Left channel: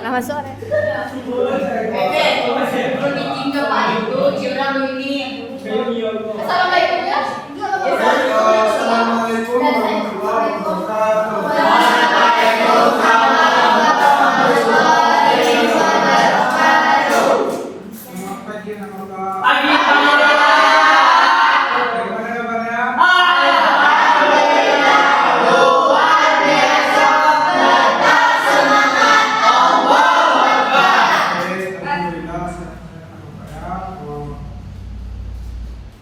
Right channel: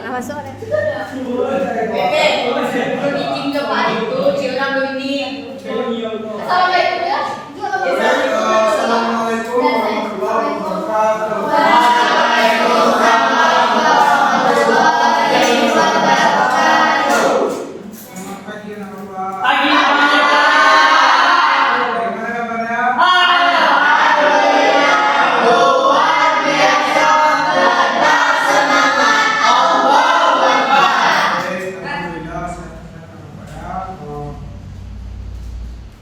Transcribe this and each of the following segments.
Selamat sore. Belum izin ke Pak itu, Ciurang dulu ini. Assalamualaikum ya. Assalamualaikum warahmatullahi wabarakatuh. Selamat pagi anak-anak. Pagi, Bagaimana kabarnya? Baik, alhamdulillah sehat-sehat anak-anak.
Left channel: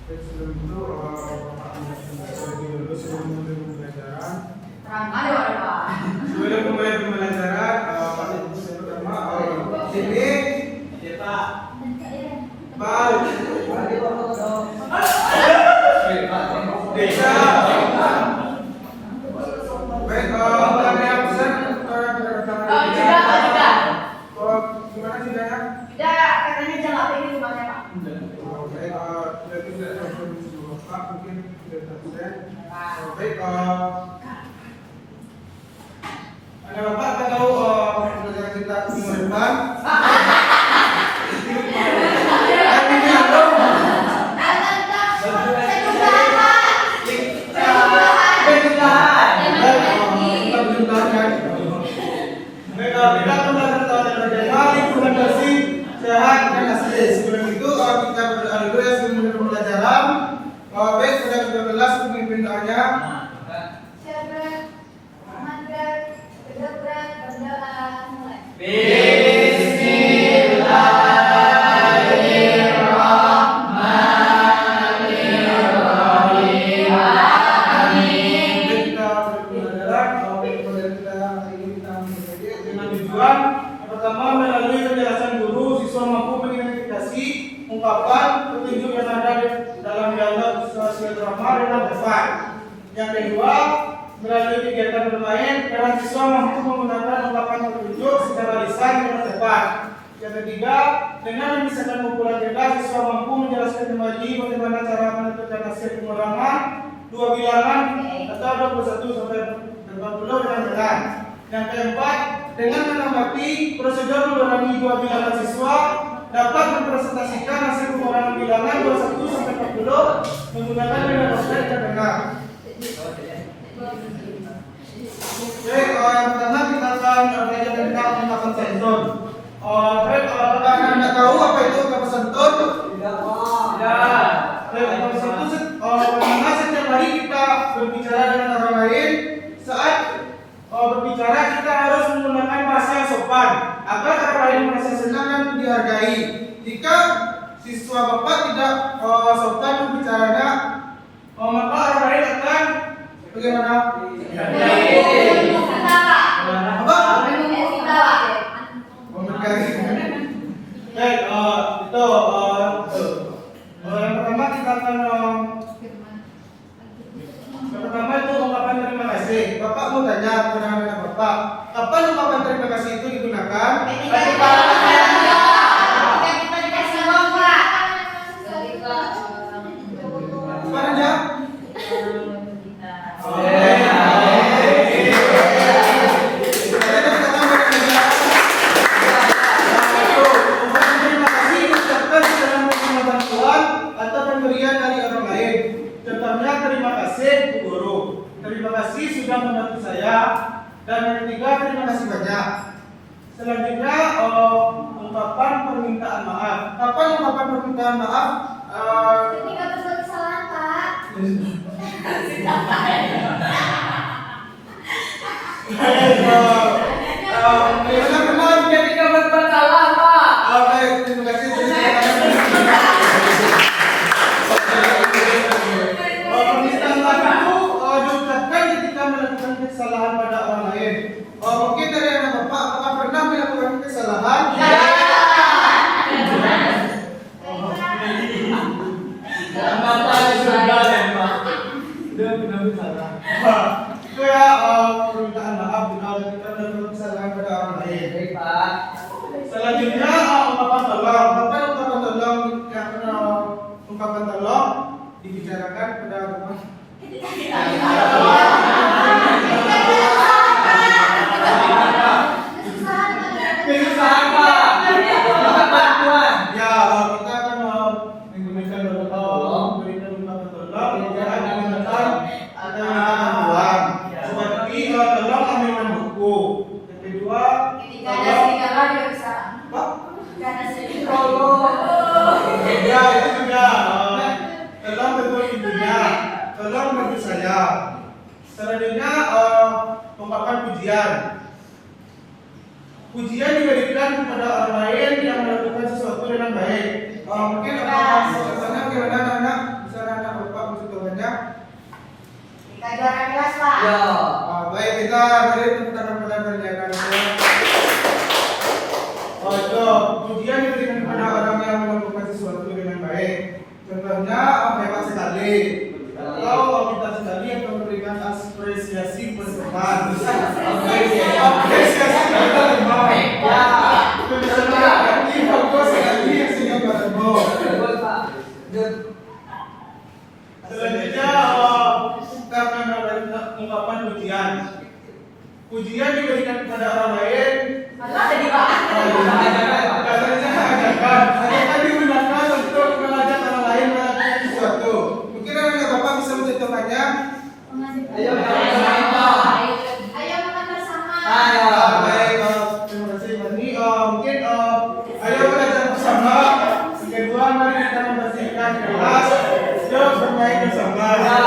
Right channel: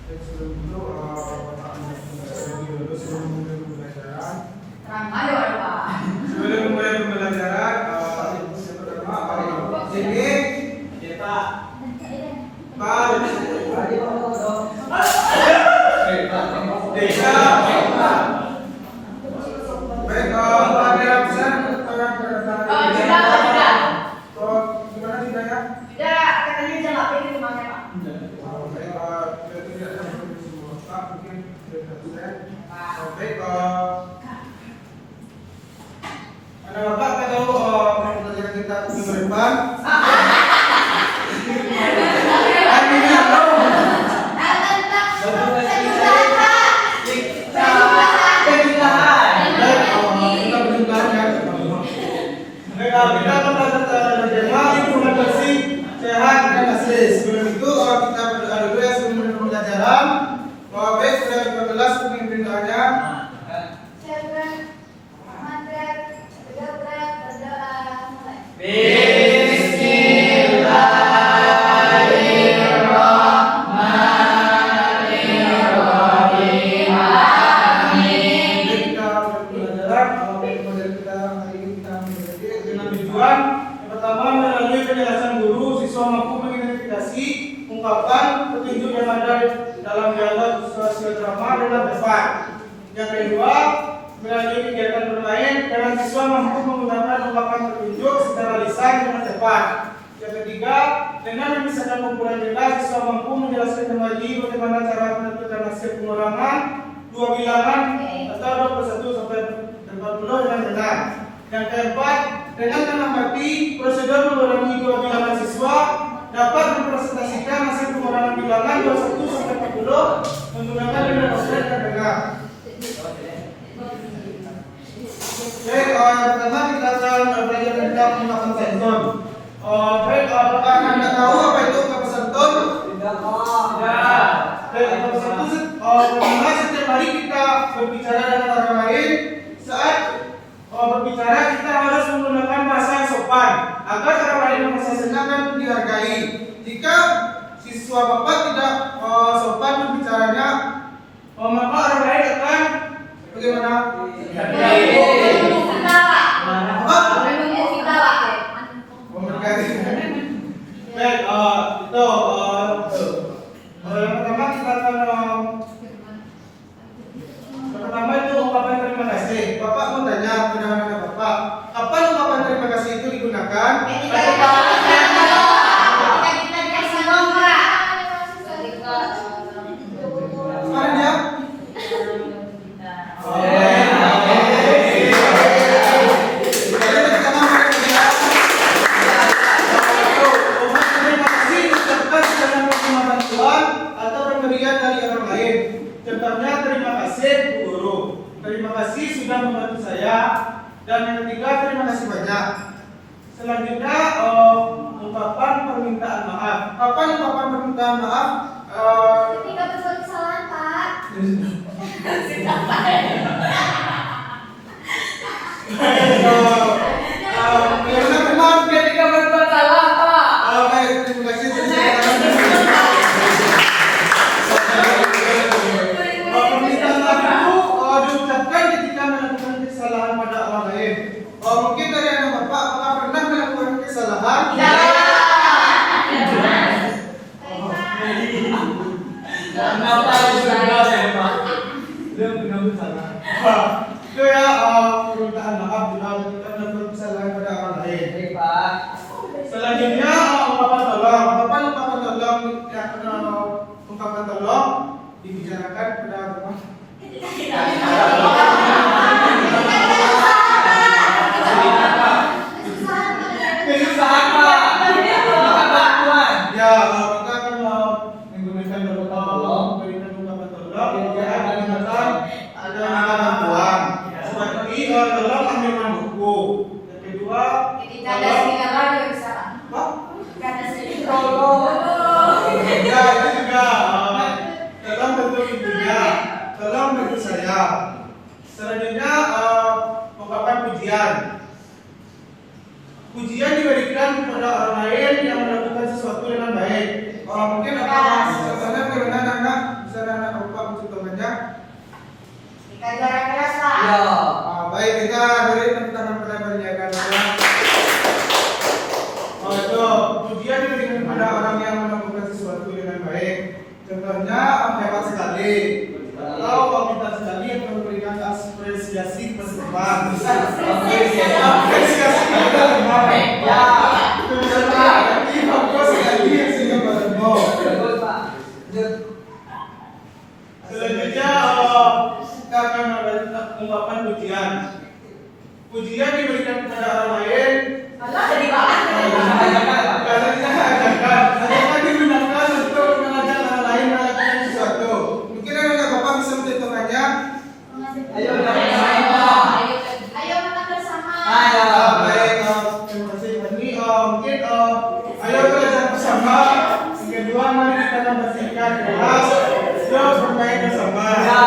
Baik, sebelum itu Bapak terlebih dulu sebelum memulai pembelajaran. Ramai orang Pak. Sebelum memulai pembelajaran, saya pertama sini. Ya Pak. Pak. Desa. Baik, Bapak ada pesan Juga. gimana sidangnya? Tidak, katanya jangan pilih rumahnya Pak. Baik, berarti tidak ada permisi Bapak, mungkin tidak saya. Baik, ada Bapak apa tahu pelajaran kita minggu depan? Ini halo. Kita akan belajar tentang implementasi sehat dan asli. Sebelum itu kita berdoa dulu ya sebelum pembelajaran. Baik, sudah kita kelas pemimpin doanya. Yang pertama, melalui penjelasan guru, siswa mampu mengidentifikasi ungkapan petunjuk yang ada di dalam dialog sosial drama dengan tepat. Yang kedua, melalui kegiatan bermain, karena siswa mampu menggunakan ungkapan petunjuk secara lisan dengan tepat. Yang ketiga, dengan memisahkan kumpulan beda, siswa mampu menjelaskan kembali bagaimana cara menentukan hasil pengurangan dua bilangan atau 21 sampai 40 dengan benar. Yang keempat, dengan mengamati prosedur mengurangi dua bilangan siswa dapat mempresentasikan hasil pengurangan bilangan 21 sampai 40 menggunakan metode yang benar. Baik, yang pertama kita akan belajar tentang ungkapan sentun. Baik, apakah Anda tahu apa itu ungkapan sentun? Tidak. Baik, ungkapan sentun bagaimana setiap hari kita berbicara dengan orang lain, saat berbicara kita harus menggunakan bahasa yang sopan agar orang lain merasa senang dan dihargai. Jika siswa Bapak tidak sopan berbicaranya, maka orang lain akan bagaimana? Baik, itu yang pertama kita akan yang pertama itu ungkapan terima kasih. Bapak mau tanya kepada anak Bapak, kapan ungkapan terima kasih itu digunakan? Sekarang ya. Contohnya, terima kasih Bu Guru, terima kasih sudah membantu saya, dan yang ketiga terima kasih banyak. Selanjutnya ungkapan permintaan maaf. Kapan ungkapan permintaan maaf? Ketika berbuat kesalahan, Pak. Bagaimana teman ketika berbuat salah, Pak? Baik, terima kasih. Permintaan maaf itu diucapkan ketika melakukan kesalahan pada orang lain. Mungkin dari anak Bapak, apakah pernah melakukan kesalahan? Itu ya permintaan maaf bila kita melakukan kesalahan pada orang lain. Baik Pak. Selanjutnya ungkapan tolong. Kapan ungkapan tolong dibicarakan pada teman? Ketika pujian diberikan kepada orang lain yang melakukan sesuatu dengan baik. Mungkin apa contohnya bagaimana anak bisa anak lupa contohnya? Kita juara kelas pak. Ya. Baik, kita beri tepuk tangan pada penjagaan. Itu pujian diberikan kepada orang yang melakukan sesuatu dengan baik. Contohnya hebat sekali. Atau kita sekali yang memberikan apresiasi berteman. Apresiasi berteman. Selanjutnya kita akan ungkapan pujian. Pujian diberikan kepada orang lain. Jadi Pak. Ajakan digunakan untuk mengajak orang lain melakukan sesuatu. Mungkin anak bapak bisa mencontohkannya. Ayo makan bersama. Ayo. Baik, terima kasih Pak. Ini mungkin ayo belajar bersama. Yang kedua, mari kita membersihkan kelas. Yuk bermain bersama. Ya.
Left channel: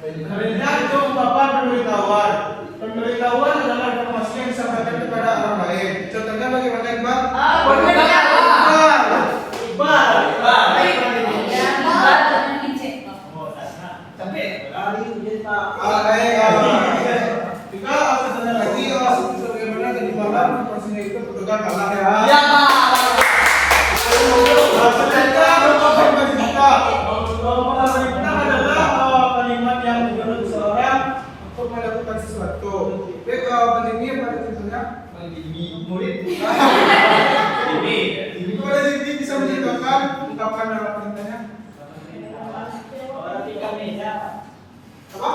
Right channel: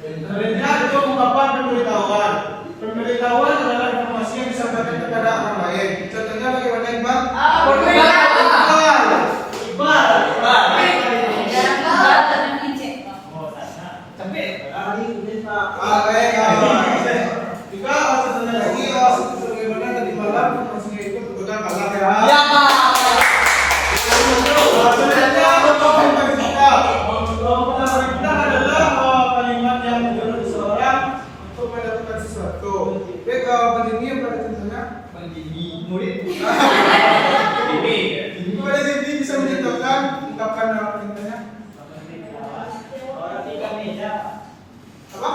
Selanjutnya itu ungkapan pemberitahuan. Pemberitahuan adalah informasi yang disampaikan kepada orang lain. Contohnya bagaimana Iqbal? Juga contohnya lagi bagaimana tadi malam informasinya itu petugas kalah ya. Ya Pak. Selanjutnya ungkapan kita. Ungkapan kita adalah kalimat yang menunjuk seseorang untuk melakukan sesuatu. Jadi kalau ini pada contohnya murid. Pada sini bisa mencontohkan ungkapan nama perintahnya. Apa?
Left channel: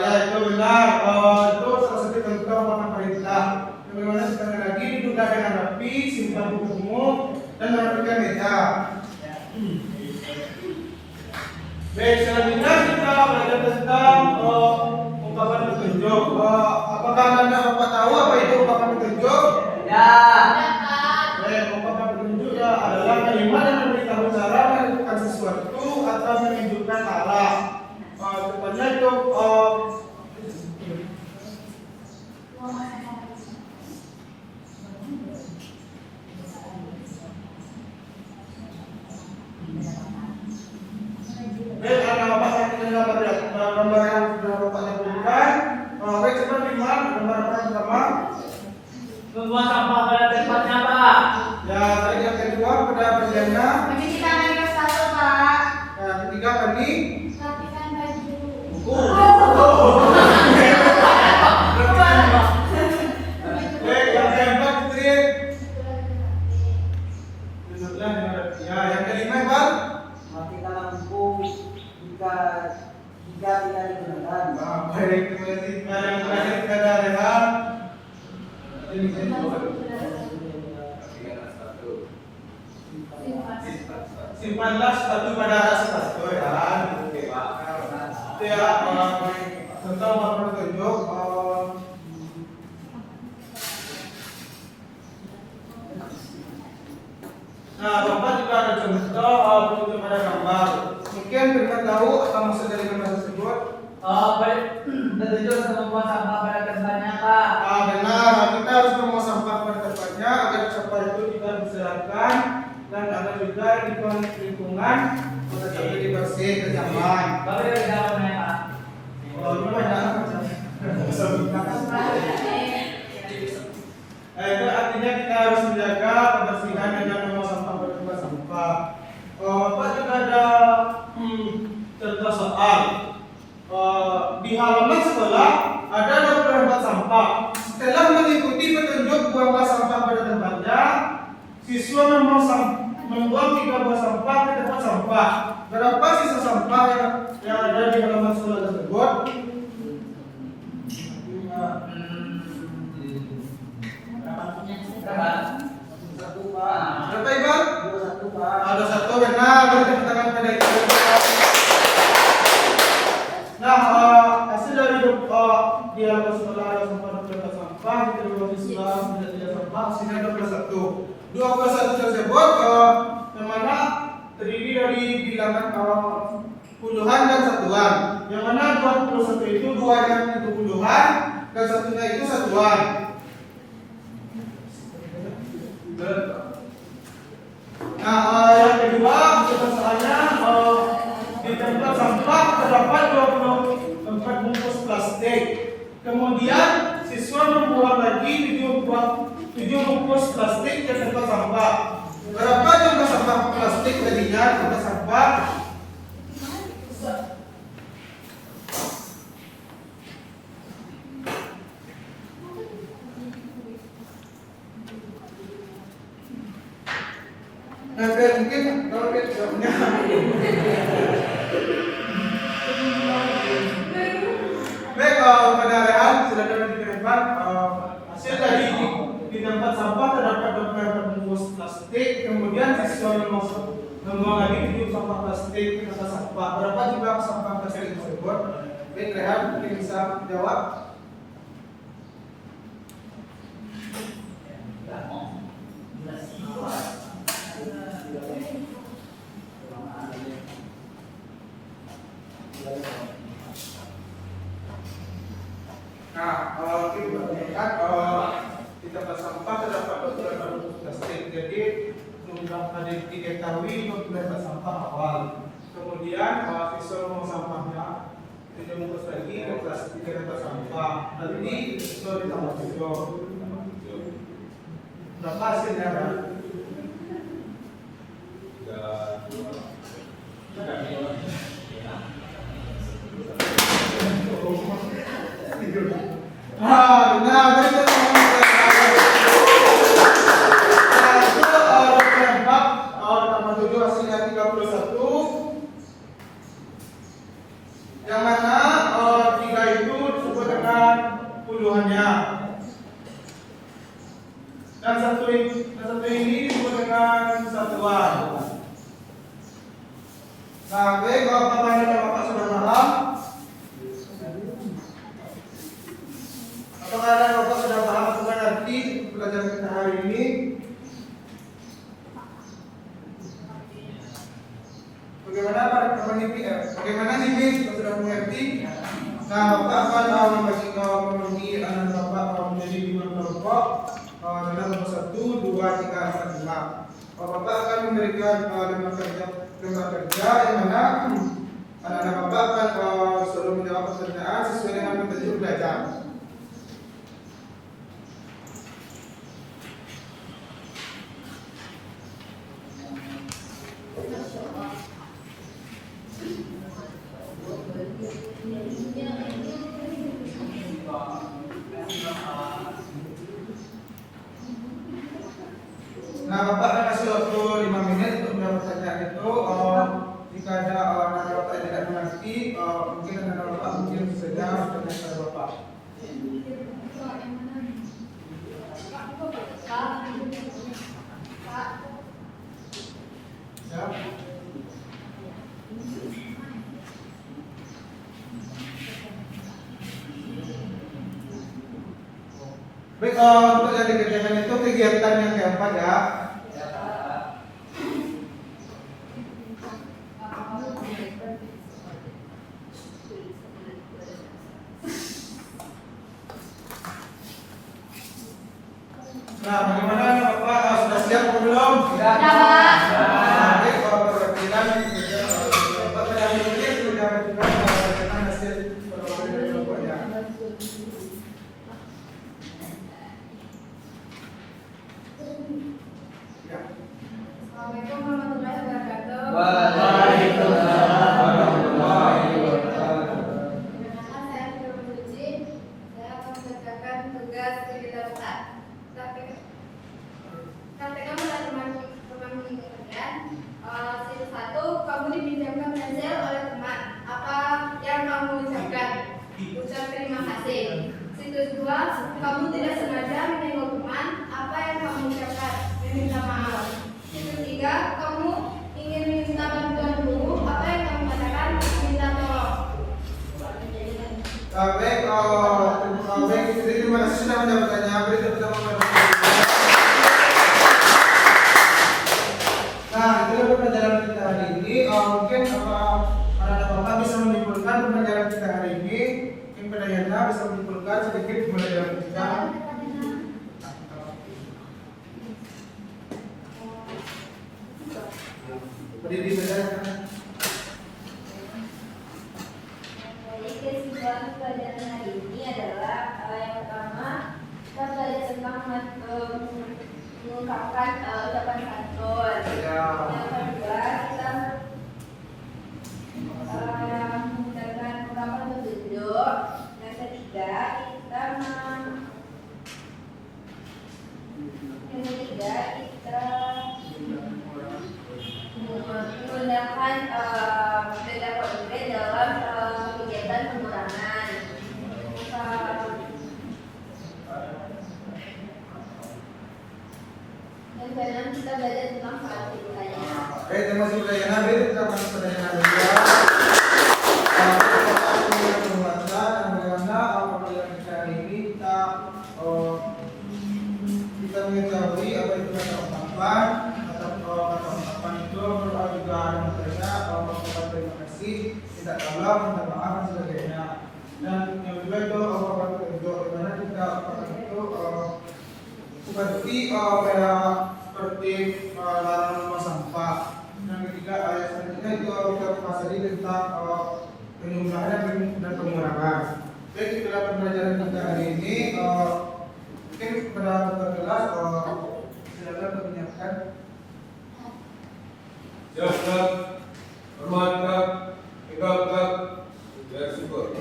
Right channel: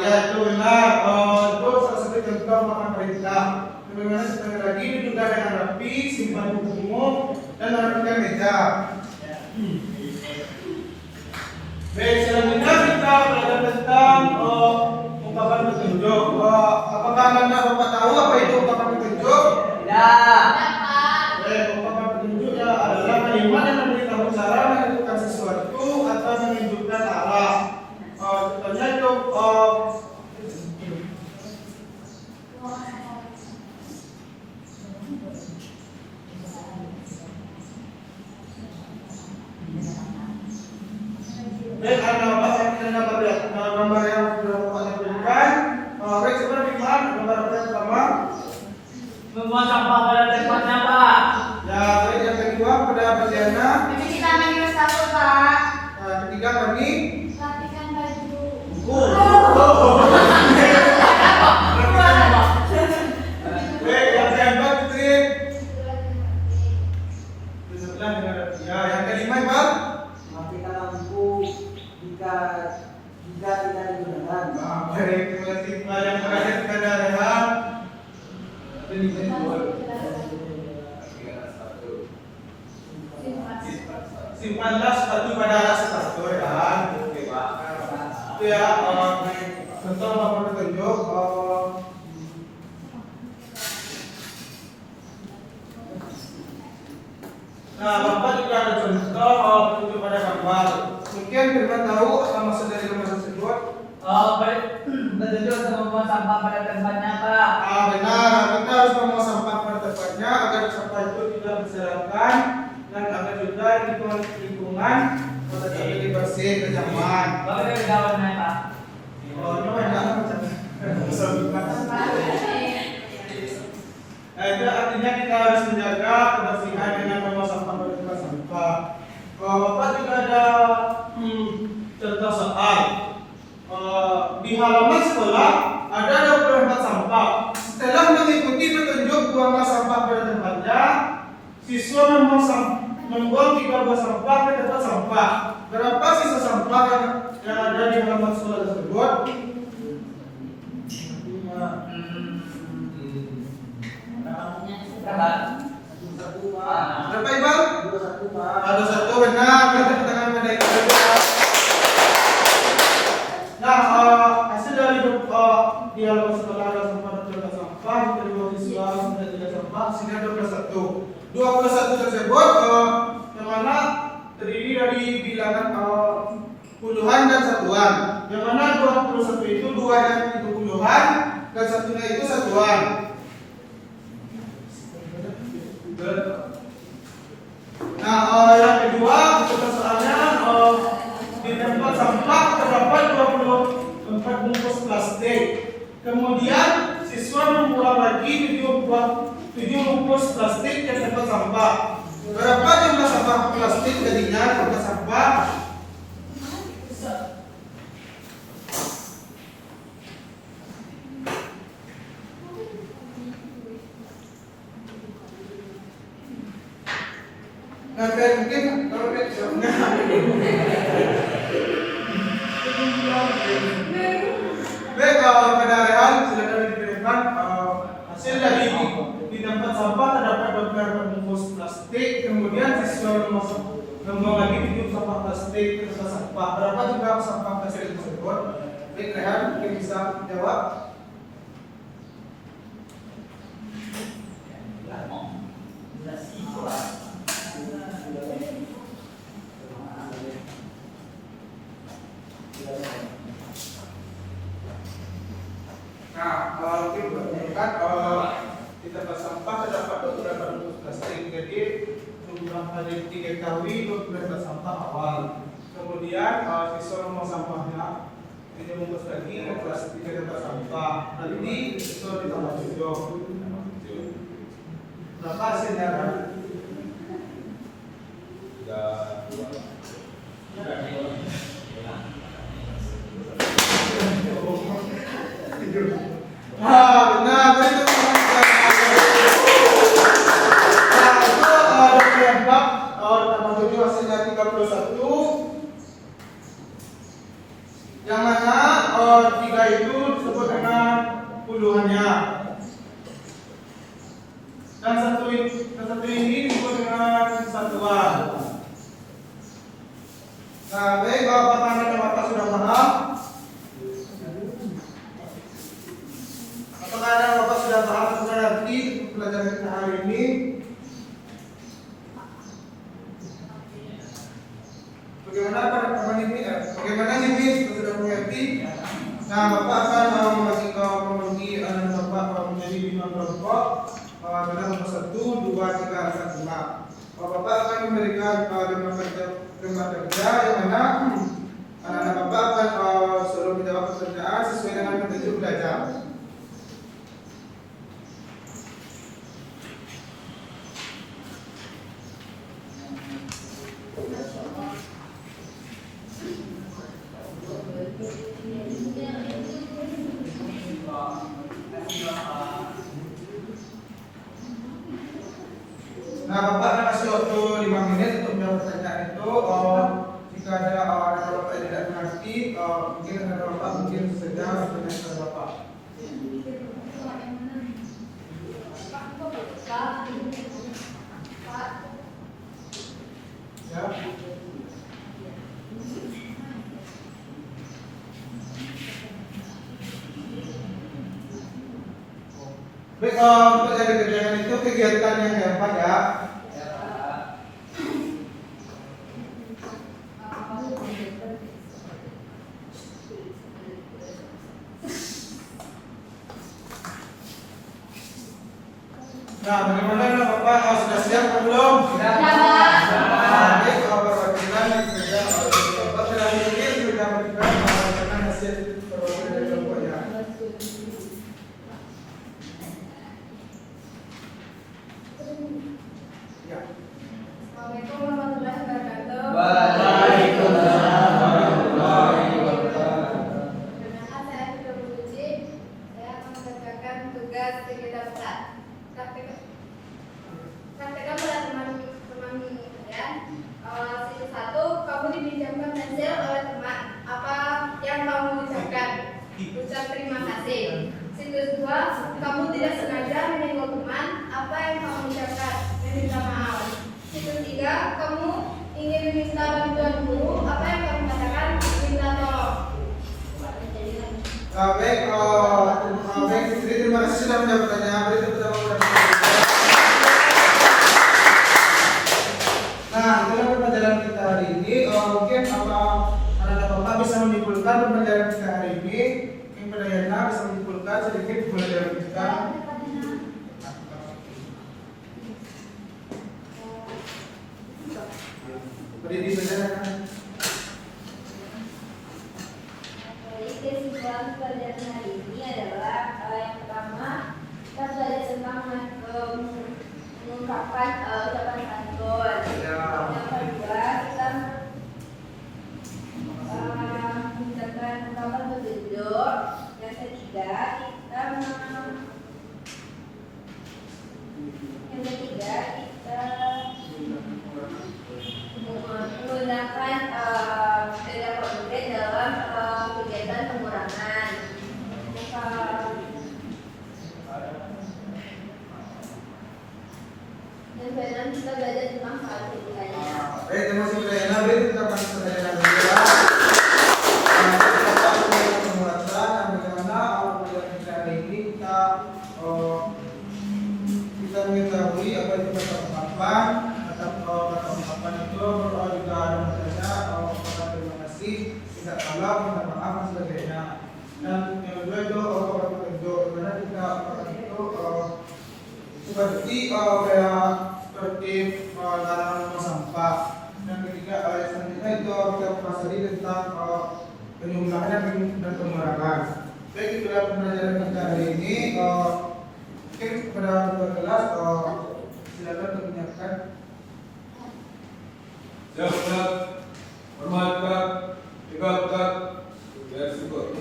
Ya itu benar. Itu salah satu contoh ungkapan perintah. Bagaimana sekali lagi diduga dengan rapi, simpan buku umum, dan merapikan meja. Baik, selanjutnya kita belajar tentang ungkapan petunjuk. Apakah anda bapak tahu apa itu ungkapan petunjuk? Ya. Baik, ungkapan petunjuk adalah kalimat yang memberitahu cara melakukan sesuatu atau menunjukkan arah. Contohnya itu baik, gambar yang sudah bapaknya berikan. Baik, coba Firman, gambar apa yang pertama? Membuang sampah pada tempatnya Pak. Ya, baik, yang kedua pada Beliana. Nanti kita main wastafel pak. Ketiga tadi Rapikan baju. baik, yang keempat Putri. Ya, yang kelima Iqbal. Matikan lampu jika tidak digunakan. Baik, terima kasih. Yang terakhir kepada Rehan. Simpanlah sepatu pada atas sepatu ya. Oke, Pak. Itu ya, contoh apa petunjuk. Nah, Bapak juga ada contoh petunjuk pada gambar. Mungkin kita tahu apa maksud dari gambar tersebut. Petunjuk untuk membuang sampah pada tempatnya Pak. Benar, kita harus membuang sampah pada tempatnya agar sampah itu tidak berserakan dan agar juga lingkungan tetap jadi bersih dan nyaman. Bapak dari kawan mana Pak? Itu artinya kita harus menjaga kebersihan dengan membuang sampah pada tempat sampah. Bapak juga ada contoh soal. Di halaman sekolah ada 24 sampah. Setelah mengikuti petunjuk buanglah sampah pada tempatnya, siswa membuang 3 buah sampah ke tempat sampah. Berapa sisa sampah yang ada di halaman sekolah tersebut? 1 Pak. Berapa Iqbal? 21 Pak. Ada 1 benar. Beri tepuk tangan pada Iqbal. Nah, hasil dari di halaman sekolah ada sampah dan tempat sampah. Kita dua siswa sudah tidak sampah. Sini ada 21. 21 tersebut yang mana terdiri dari bilangan puluhan dan satuan. yang mana 21 itu 2 yang itu puluhan dan satunya itu satuan. Nah, yang kedua untuk soalnya di tempat sampah terdapat 24 bungkus plastik. Kemudian siswa membuang lagi 7 bungkus plastik ke tempat sampah. Berapa jumlah sampah plastik jadinya tempat sampah? Nah, mungkin kalau baik, pada real sudah dapat dikirimkan hasil dari di tempat sampah terdapat 24 bungkus plastik. Kemudian siswa membawa lagi 7 sampah plastik ke tempat sampah. Berapa jumlah sampah plastik tersebut? Baik, Rehan, mungkin bisa jawab. Nah, kita menunjukkan di tempat sampah terdapat 24 bungkus plastik. Jadi jumlah tadi diketahui untuk tempat sampah awal. Kemudian siswa membuang sampahnya 7 bungkus lagi ke plastik ke tempat sampah. Hal ini siswa ditambah 7. Berapa hasilnya? Benar, berikut tambah 7 hasilnya 31. Yang mana 3 itu disebut dengan puluhannya. Dan satu ini disebut dengan satuan. Nah, baik, apakah kita Bapak sudah paham? Apakah ada Bapak sudah paham atau nanti pelajaran kita hari ini? Bagaimana para teman ini? Bagaimana nih Miss? Sudah mengerti? Nah, Bapak akan membagi anak Bapak menjadi 5 kelompok dalam nomor 1, 2, 3, 4, 5. Bapak akan memberikan lembar kerja yang mana anak-anak Bapak akan suruh menjawab pertanyaan sesuai dengan petunjuk belajar. Nah, Bapak akan kasih waktu 5 menit untuk menjawab pertanyaan itu. Jika ada anak Bapak yang tidak mengerti, mungkin anak Bapak mungkin saja bertanya kepada Bapak. Ya. Baik, untuk jadi kerjaan itu kegiatan yang keempat ya. Nah, bagaimana Bapak sudah siap atau belum? Sudah. Baik, perwakilan kerja Bapak sudah mungkin sudah berikan hasil perwakilan kelompoknya. Ya. Assalamualaikum warahmatullahi wabarakatuh. Waalaikumsalam warahmatullahi wabarakatuh. Perkenalkan, saya Fitri Suci. Saya akan mengerjakan tugas kegiatan besar. Praktekkan pada teman kalian. Situs 1, kamu dipinjamkan pensil oleh teman. Apa yang kamu ucapkan? Ucap terima kasih. Situs 2, kamu tidak sengaja menyenggol teman. Apa yang kamu ucapkan? Meminta maaf. Situs 3, kamu ingin meminta bantuan guru. Apa yang kamu katakan? Minta tolong. Baik, terima kasih sudah menjawab pertanyaan. Berikut kita Nah, itulah pembelajaran kita hari ini. Mungkin anak-anak Bapak bisa menyimpulkan pembelajaran bisa menyimpulkan sedikit mulai dari kita. Berdiri saja. Baik, kesimpulan pelajaran hari ini adalah yang pertama kita belajar tentang mengungkapkan ucapan santun. Ya. Yang kedua kita menggunakan ungkapan petunjuk. Yang ketiga kita menggunakan data konkret dalam kegiatan pengurangan. Dan kemudian kita belajar tentang hal ketiganya. Baik, terima kasih Budaya Nabi. Kita akan pelajaran kedua. Penguatan bagaimana pelajaran kita hari ini kita mengetahui apa itu kata ungkapan. Kata ungkapan itu juga ada materinya, kata terima kasih, tidak salah, minta maaf dan sebagainya. Dan yang kedua itu kata petunjuk, dimana kita itu seperti seperti larangan membuang sampah. Dan ketiga ayat selanjutnya itu kita pelajari tentang penjumlahan dan pengurangan. Baik, di dalam pembelajaran kita hari ini mungkin kepada ketua kelas silakan menyiapkan. Siap, Kak. Hormat, Kak. Tegak, Kak. Biar syukur.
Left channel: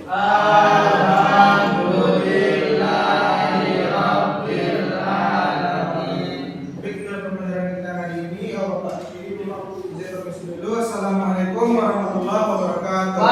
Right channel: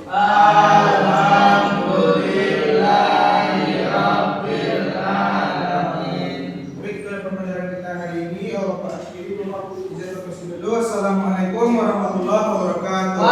Assalamualaikum warahmatullahi wabarakatuh.